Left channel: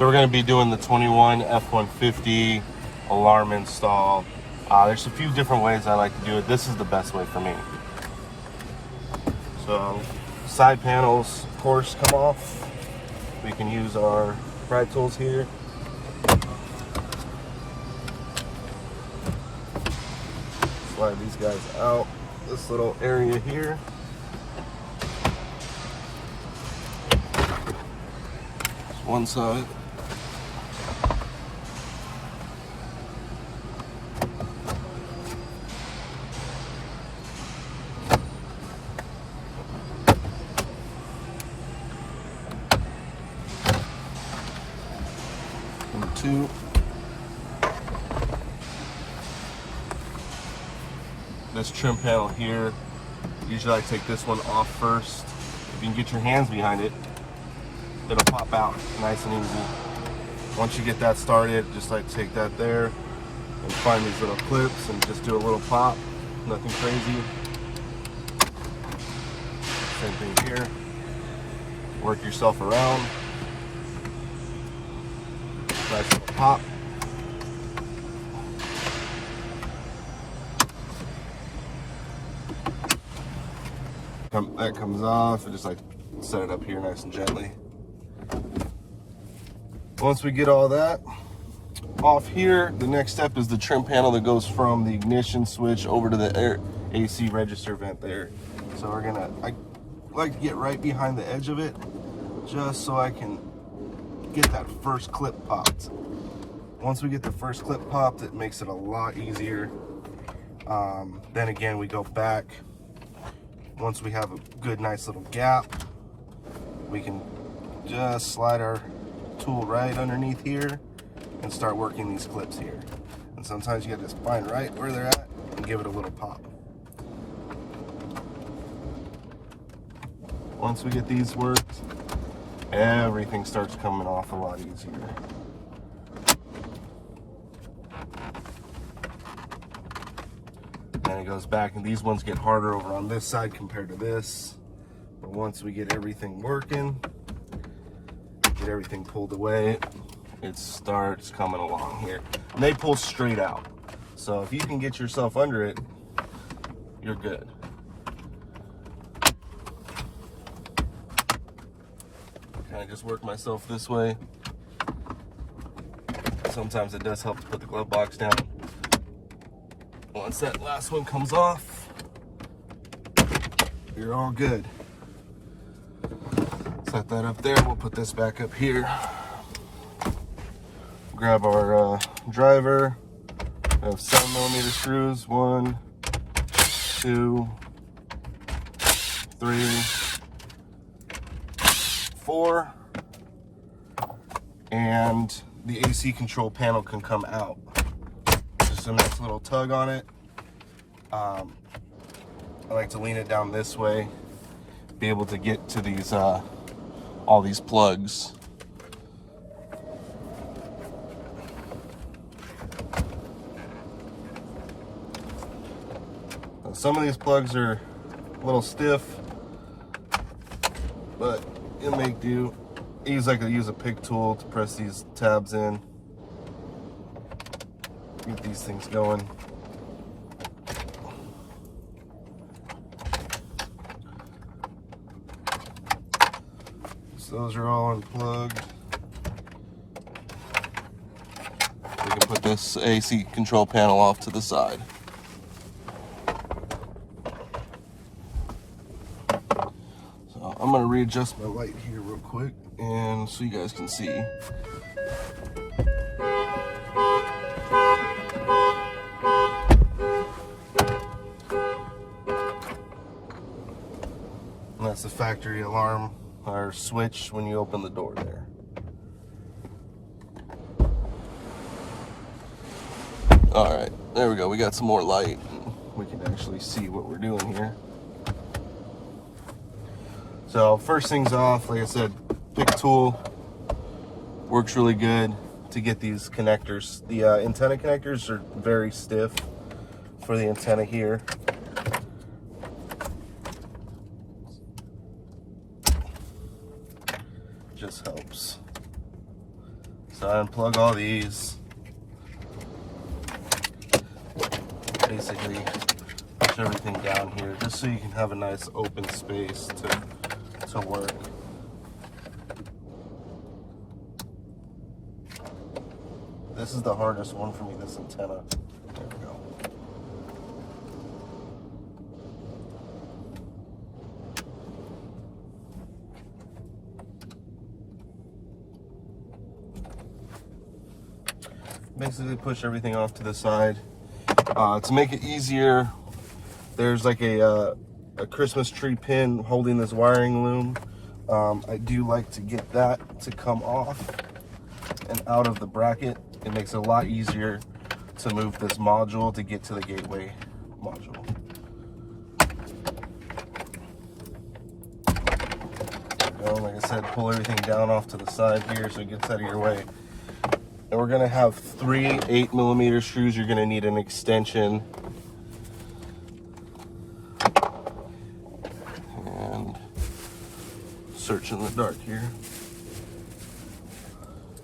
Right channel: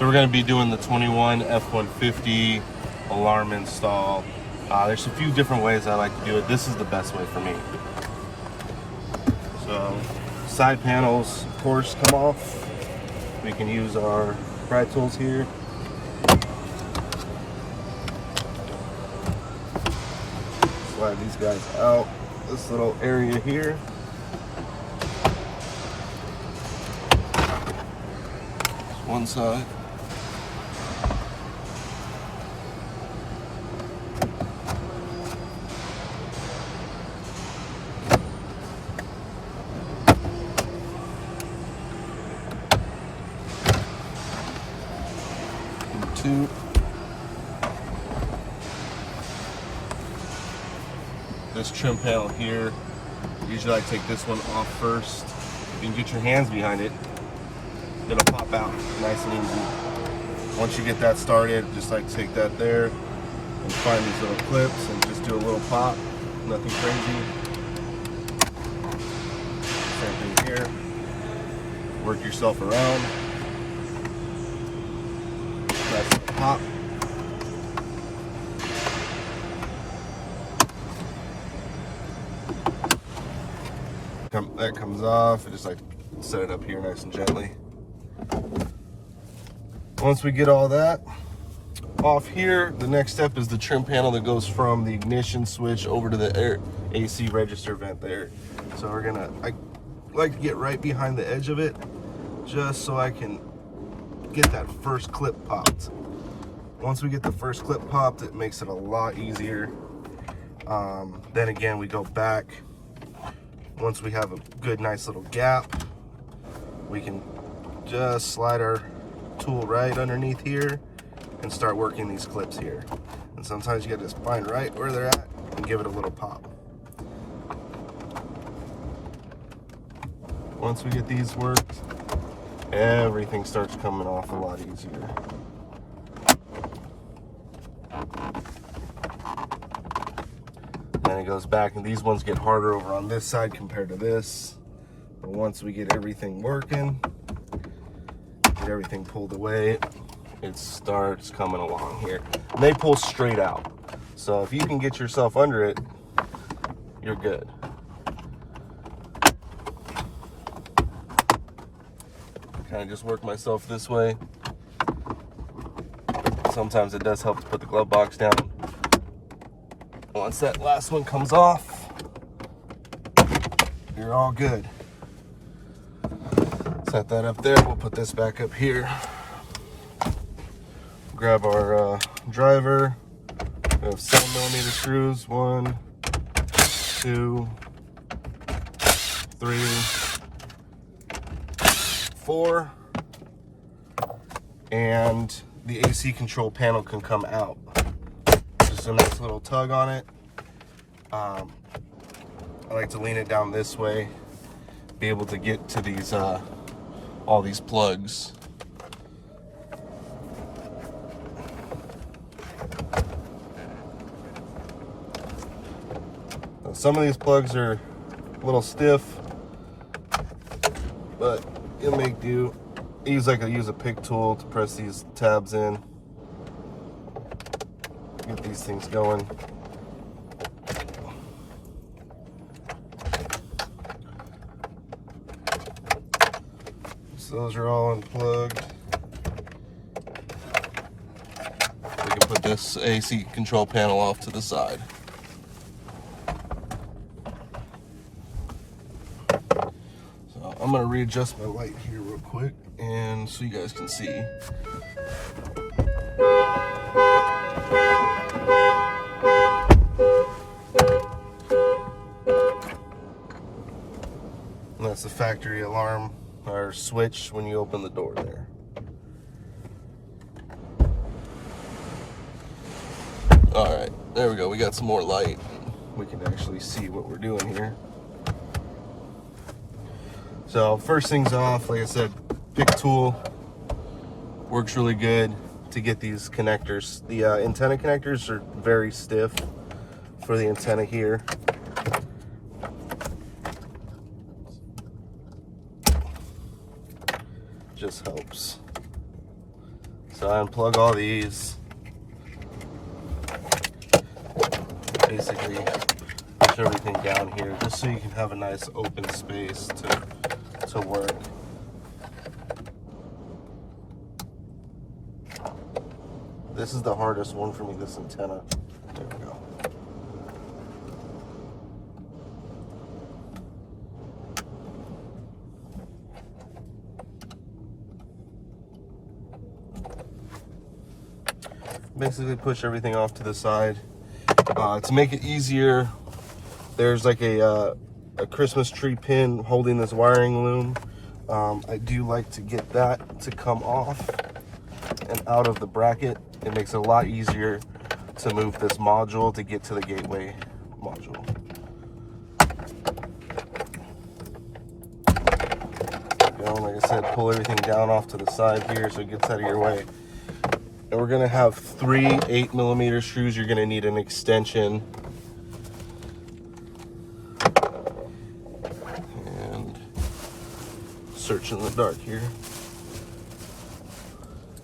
So we're going to be doing the 21 F150 alarm install. There's a few different ways I like to do it. This is the best way for me. So side panels, of course, come off. We can use our pry tools here. Slide these guys out. This little area here. One side. And two. This trim panel here, usually I take this one off first. If you can get your hands behind it, it'll pop out nice and easy. Once you get that started, just like take that there and find these little clips and just do a little pop, nothing crazy. Same thing here. Work yourself around. Nice little pop. That comes off. I just like to set it up here nice and gently. Once we get all that off here, the next step is the trim panel that goes from the ignition switch over to the AC register vent there. So I like to get right behind the edge of it just so I can get that first clip popped. Once we get the first clip popped, it makes it a lot easier. Then again, we go back. Once we have a good, nice little gap, we can just slide our tool right underneath here and start working these clips here. And sometimes you gotta just find right where they're at and give it a little pop. Once we get these worked, everything starts coming off a lot easier. And it goes back, and these ones get harder over on this side compared to this. But once we get everything working, get everything pulled away, it starts coming along here. And they pull straight out. So if you can get yourself under it, you're good. Kind of just work myself this way. Sometimes it does help to put the glove box down. Once that last one comes off, you're all good. Set that up there. We'll put this back up here. Grab our driver. We have 7mm screws. 1, 2, 3, 4. And the AC control panel can come out. Just a nice little tug on it. I like to lean it down this way, be able to get to these all these plugs. Now, some of these plugs are a little stiff, but you'll make do. I use a pick tool to press these tabs in. Get these things going. So those are all unplugged. We can put this AC control panel off to the side. So I'm gonna readjust my light here real quick and so you guys can see. And that's the factory alarm or switch when you open the door there. All right, there we go. We got some more light. We can actually see what we're doing here. So first things off, like I said, pick tool works really good to get these connectors. The antenna connectors are very stiff for the antenna here. Just helps. So I unplug all these. Basically push everything down here just so you can have a nice open space to work. This is the hardest one for me, this antenna. There we go. Basically push everything off to the side. To make it easier, there's like a Christmas tree pin holding this wiring loom. I do like to get that to come off and out of the bracket. It makes it a lot easier to move this module to get to the gateway module. Like I said, pull everything down off to the side here so it gets out of your way. And we're gonna have 3 8mm screws. You're gonna need an extension. And search in the dark here.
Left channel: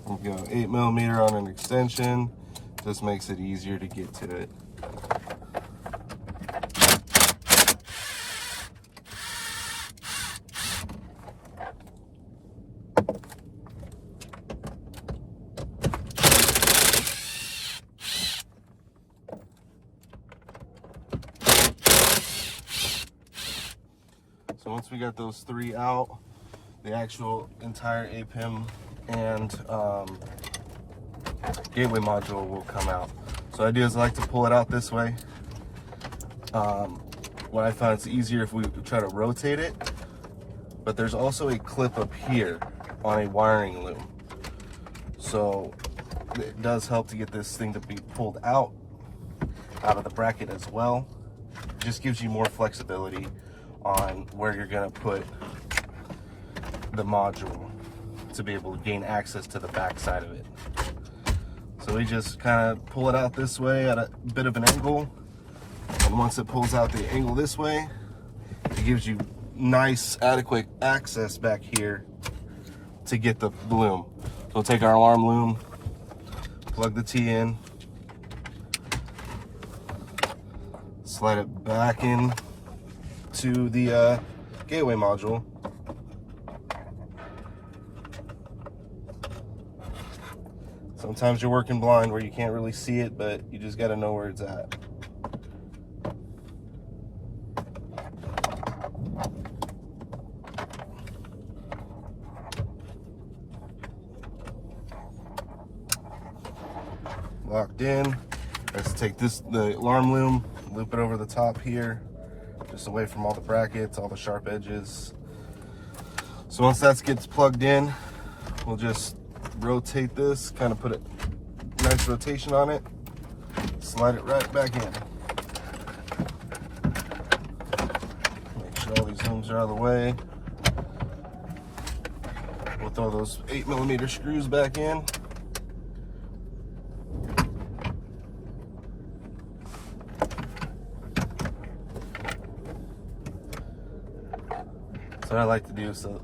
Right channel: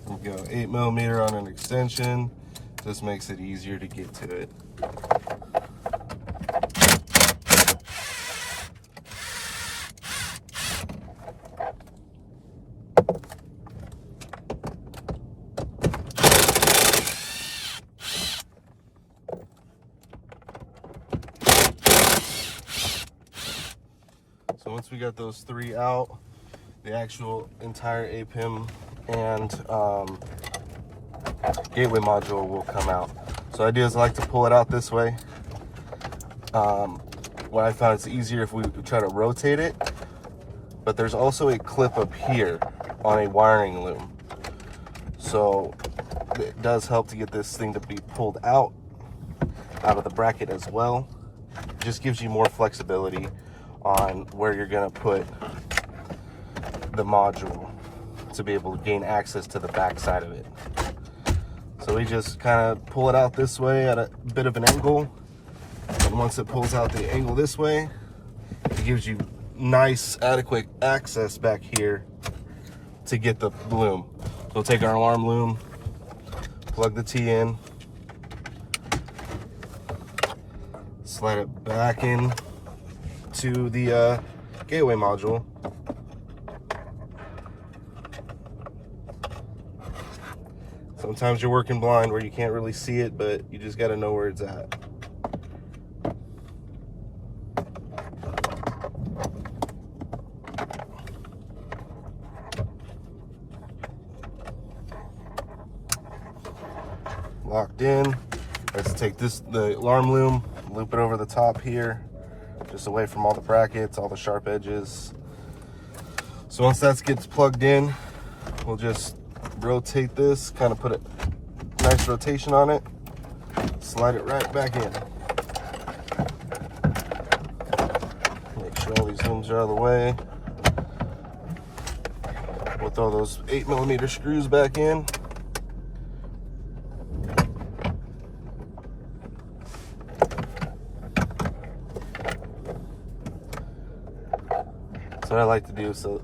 We've got 8mm on an extension. Just makes it easier to get to it. So once we got those 3 out, the actual entire APIM and gateway module will come out. So the idea is I like to pull it out this way. What I found it's easier if we try to rotate it, but there's also a clip up here on a wiring loom. So it does help to get this thing to be pulled out of the bracket as well. It just gives you more flexibility on where you're gonna put the module to be able to gain access to the back side of it. So we just kind of pull it out this way at a bit of an angle, and once it pulls out the angle this way, it gives you nice adequate access back here to get the loom. So we'll take our alarm loom, plug the T in, slide it back in to the gateway module. Sometimes you're working blind where you can't really see it, but you just got to know where it's at. Locked in. Let's take the alarm loom, loop it over the top here, just away from all the brackets, all the sharp edges. So once that gets plugged in, we'll just rotate this, kind of put a nice rotation on it, slide it right back in. Make sure all these looms are out of the way. We'll throw those 8mm screws back in. That's what I like to do. So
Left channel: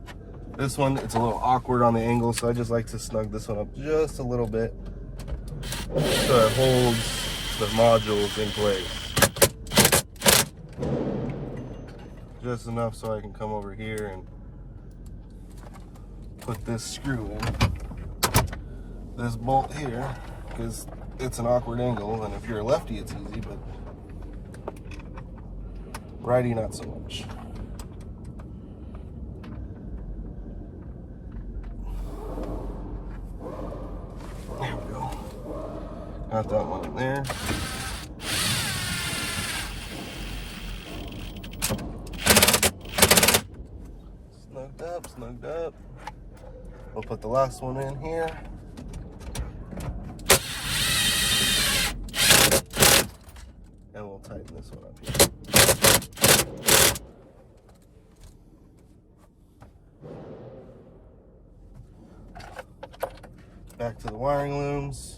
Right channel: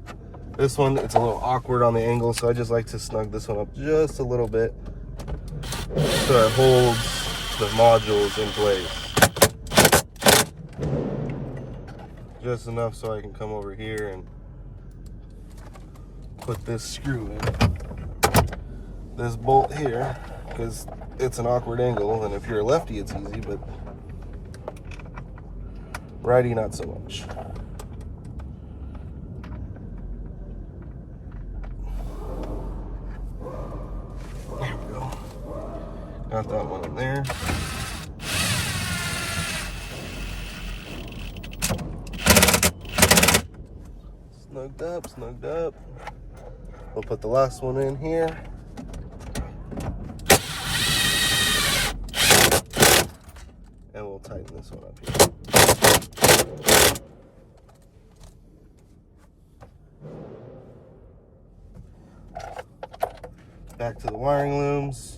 this one, it's a little awkward on the angle, so I just like to snug this one up just a little bit so it holds the modules in place. Just enough so I can come over here and put this screw in. This bolt here, because it's an awkward angle, and if you're a lefty it's easy, but righty not so much. There we go. Got that one in there. Snugged up. We'll put the last one in here. And we'll tighten this one up here. Back to the wiring looms.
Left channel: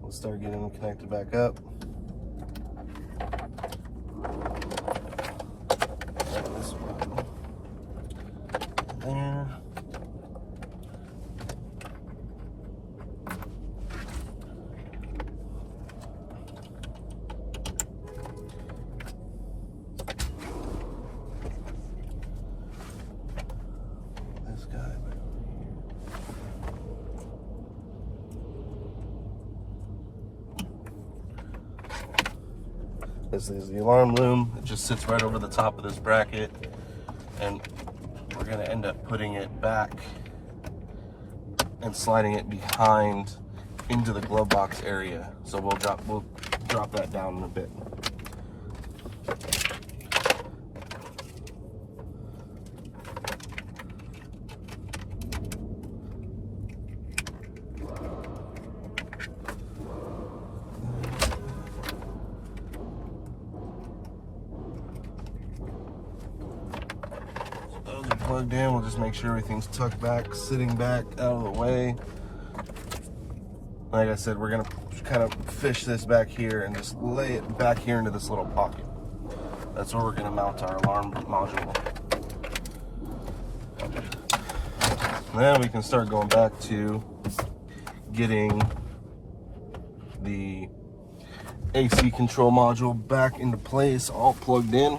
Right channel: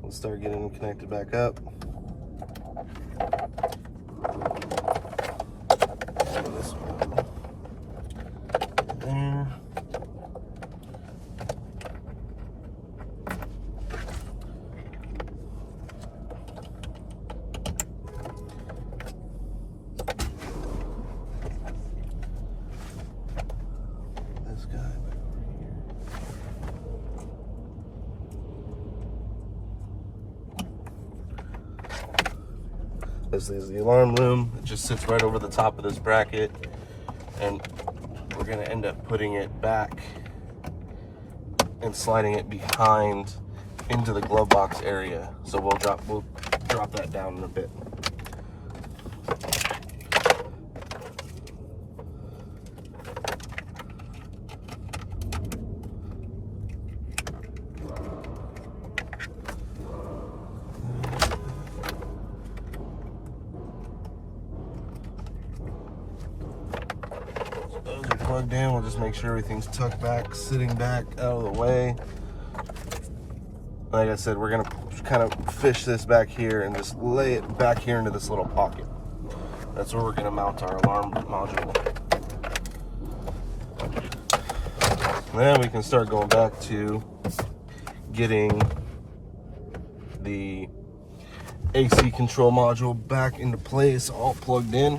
We'll start getting them connected back up. And this one there. This is the alarm loom. It just sits right over the top of this bracket, and we're gonna end up putting it back and sliding it behind into the glove box area. So we'll drop that down in a bit. Plugged in, we'll just make sure everything's tucked back, sitting back out of the way. Like I said, we're gonna kind of fish this back here and just lay it back here into this little pocket. That's where we're gonna mount our alarm module. And then we can start going back to getting the AC control module back into place, all plugged in.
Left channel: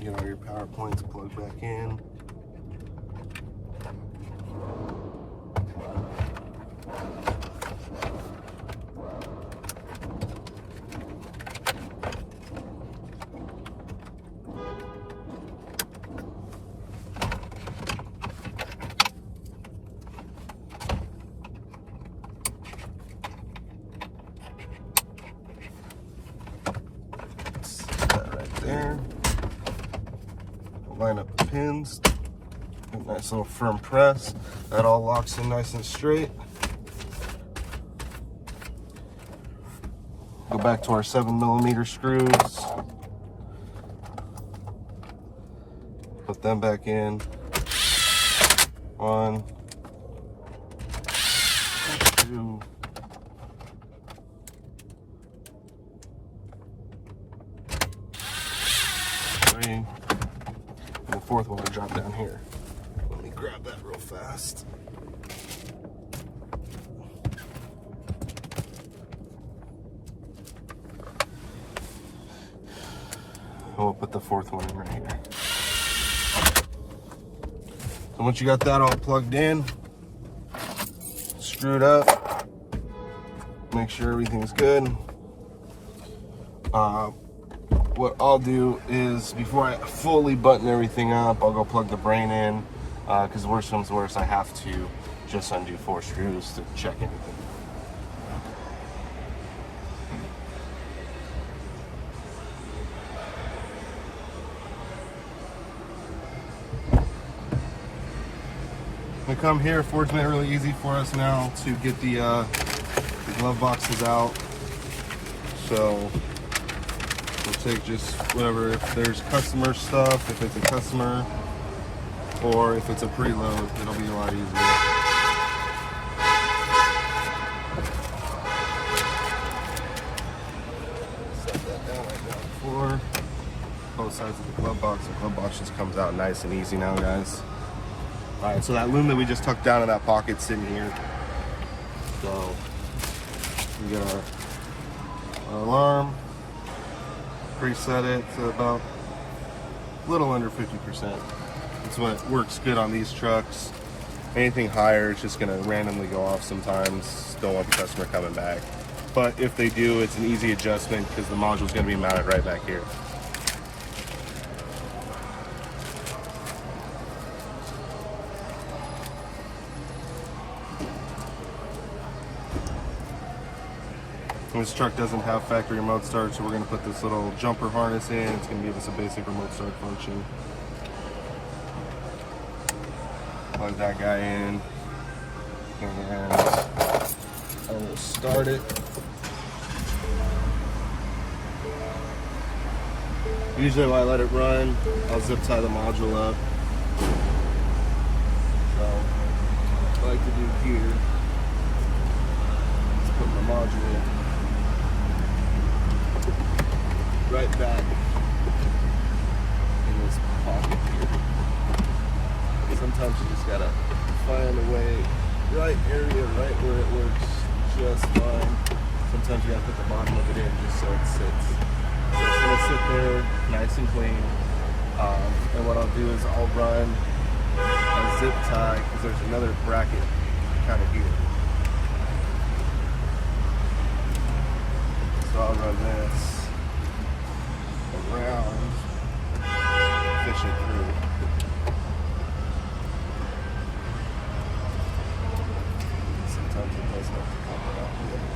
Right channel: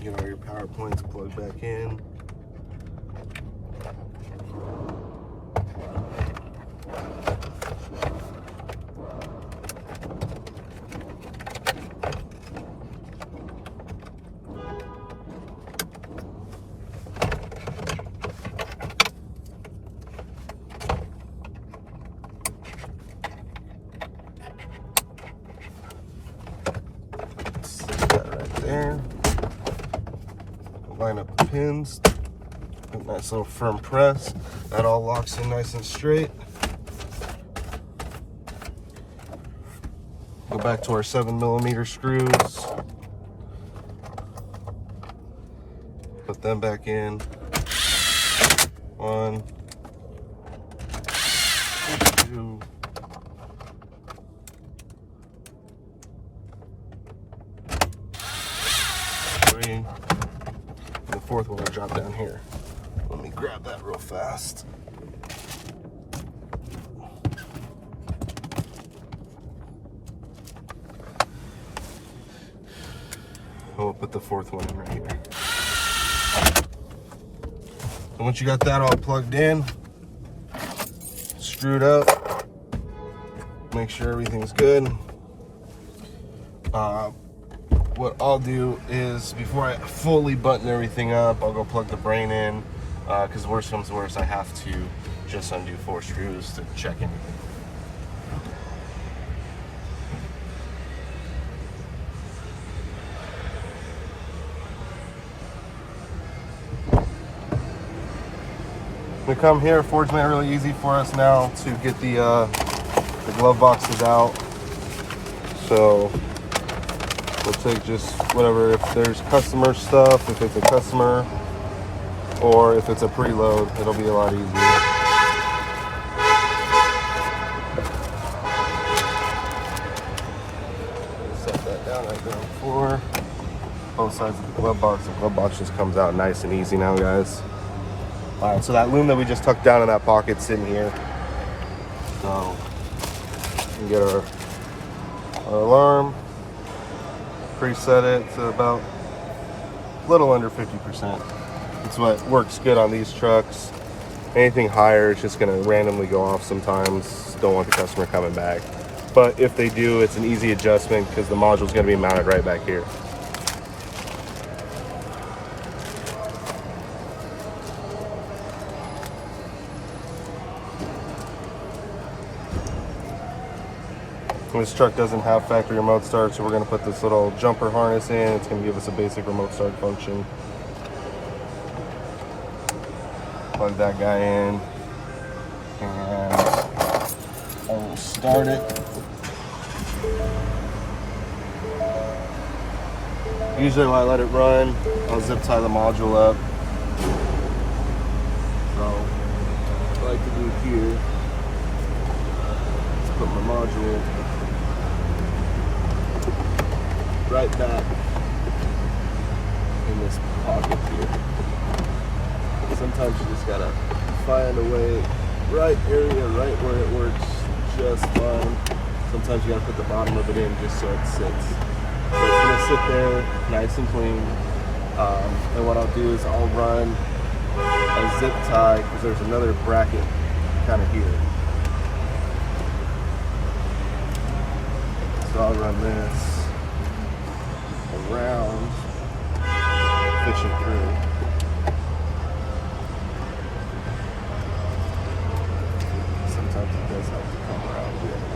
Get all your power points plugged back in. Set that right there. Line up the pins, nice little firm press. That all locks in nice and straight. Go back to our 7mm screws. Put them back in. 1, 2, 3. The fourth one will drop down here. Let me grab that real fast. We'll put the fourth one in right here. So once you got that all plugged in, screwed up, make sure everything's good. What I'll do is, before I fully button everything up, I'll go plug the brain in, because worst comes to worst, I have to just undo 4 screws to check anything. We come here, Ford's made it really easy for us now to get the glove boxes out. So we'll take just whatever, if there's customer stuff, if it's a customer, or if it's a preload, it'll be a lot easier. Set that down right there on the floor. Both sides of the glove box. The glove box just comes out nice and easy now, guys. All right, so that loom that we just tucked down in that pocket's sitting here. So we get our alarm. Preset it to about a little under 50%. That's what works good on these trucks. Anything higher, it's just gonna randomly go off sometimes. Don't want the customer coming back. But if they do, it's an easy adjustment because the module's gonna be mounted right back here. This truck doesn't have factory remote start, so we're going to put this little jumper harness in. It's going to give us a basic remote start function. Plug that guy in, and I will start it. Usually when I let it run, I'll zip tie the module up. So what I like to do here is put my module right back in this pocket here. Sometimes you just gotta find a way, right area, right where it works just fine. Sometimes you gotta put the bottom of it in just so it sits. So it's gonna sit there nice and clean. And what I'll do is I'll run a zip tie, because there's another bracket kind of here. So I'll run this around, fish it through. Sometimes it does help to come around the other way.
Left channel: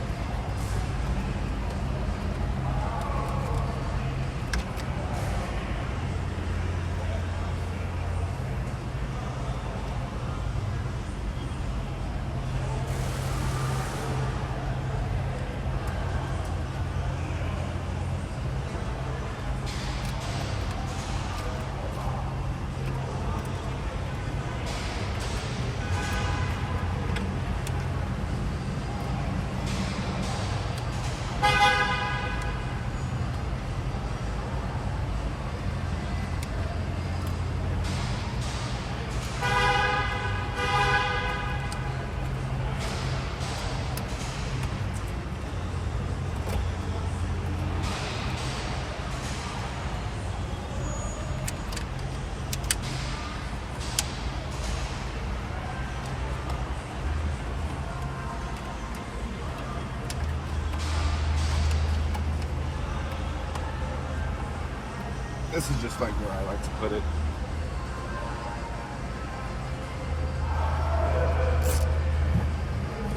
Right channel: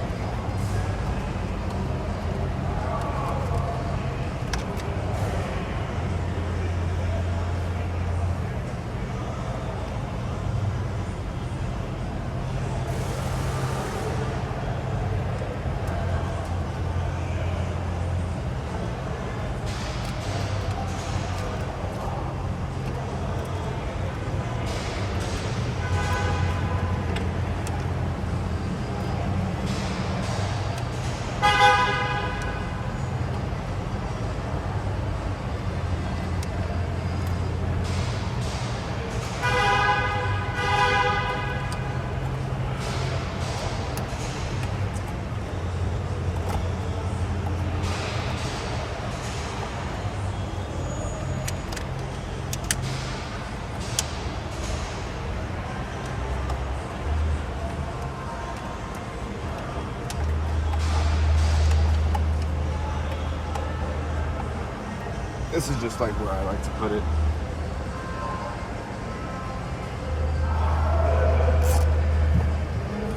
This is just like where I like to put it.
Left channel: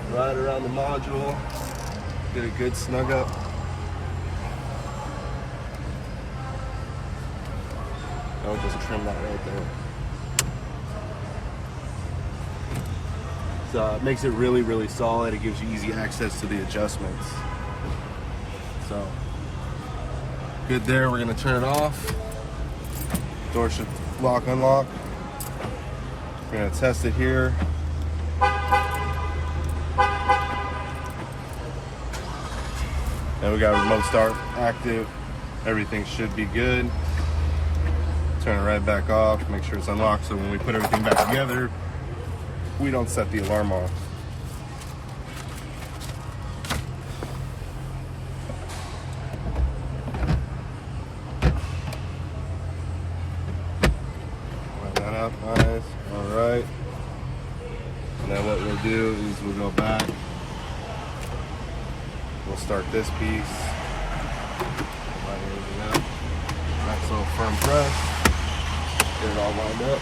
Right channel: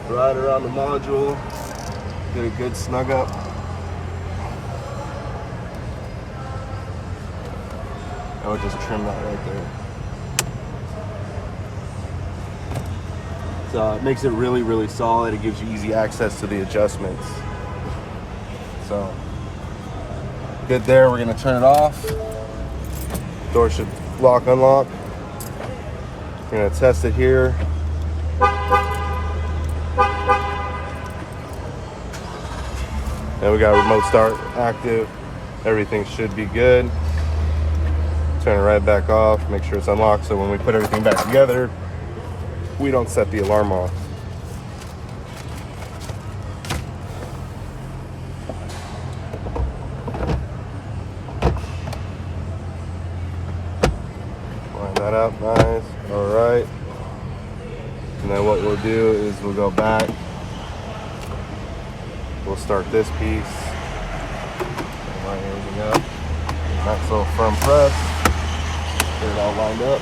Right around the module, get a good snug up. I would just trim that right there. So it makes it really, really solid. It gives you easy access to the adjustments. So good there. We're gonna turn it off. Door should lock, unlock. We're gonna test it here. Then we got remote start active. Everything should be good. Turn it right back off. Make sure it's unlocked so when we put everything back together, we don't set the alarm off. Up nice. All right, and then what we'll do is we'll go back, we'll start this piece, line everything up, nice little firm press, get it all lined up.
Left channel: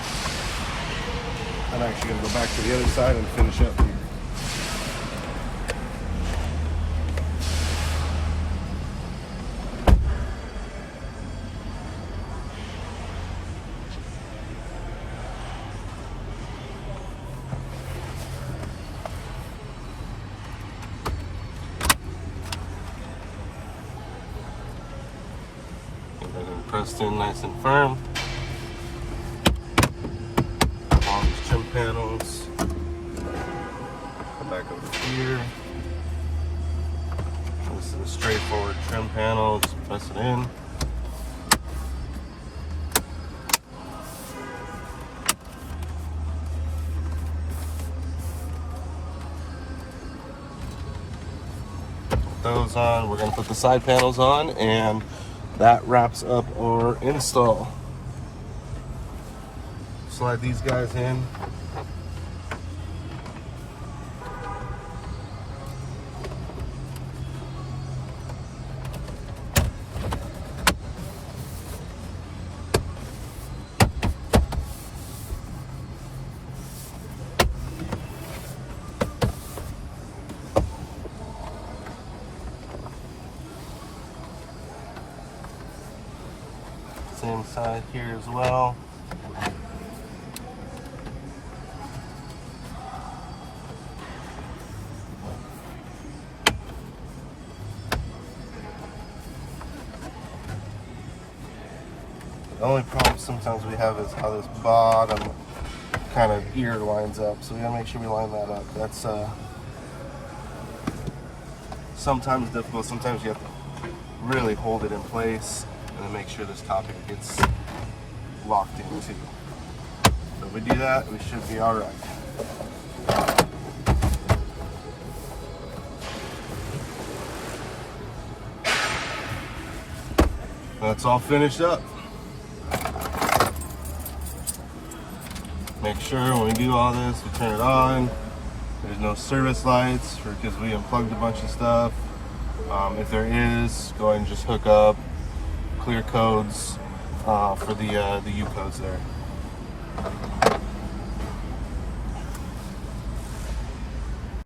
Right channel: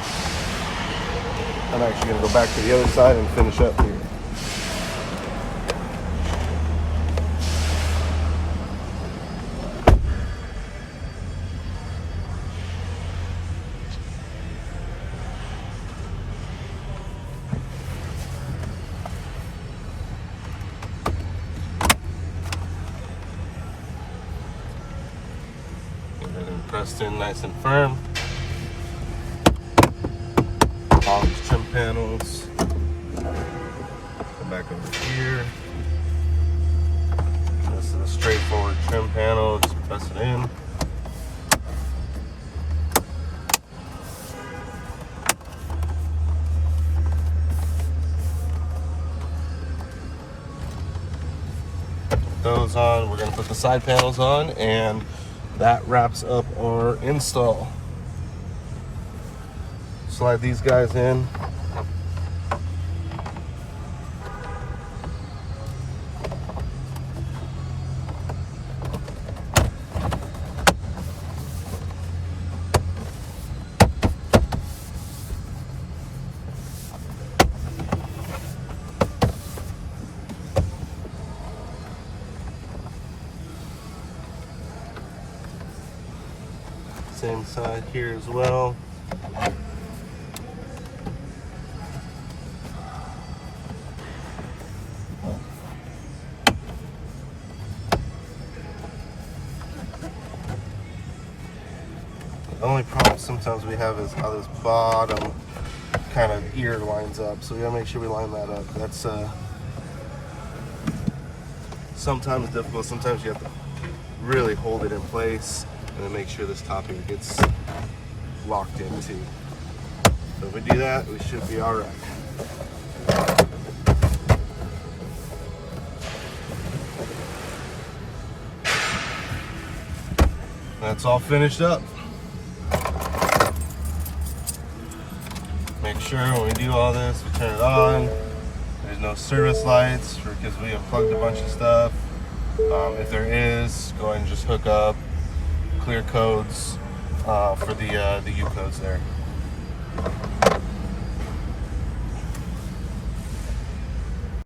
I'm actually going to go back to the other side and finish up here. Everything pressed in nice and firm. All these trim panels. Come back over here. This is a straightforward trim panel. Just press it in. Put those on. We're going to put the side panels on, and that wraps up our install. Slide these guys in. Same side here as well. The only problem sometimes we have is how this bottom kind of ear lines up. So we gotta make sure we line that up. That's sometimes difficult. Sometimes you have to really hold it in place and then make sure this top ear gets locked in too. So if we do that, we should be all right. That's all finished up. Make sure when we do all this, we turn it on. There's no service lights because we unplugged a bunch of stuff. If there is, go ahead and just hook up clear codes for the U codes there.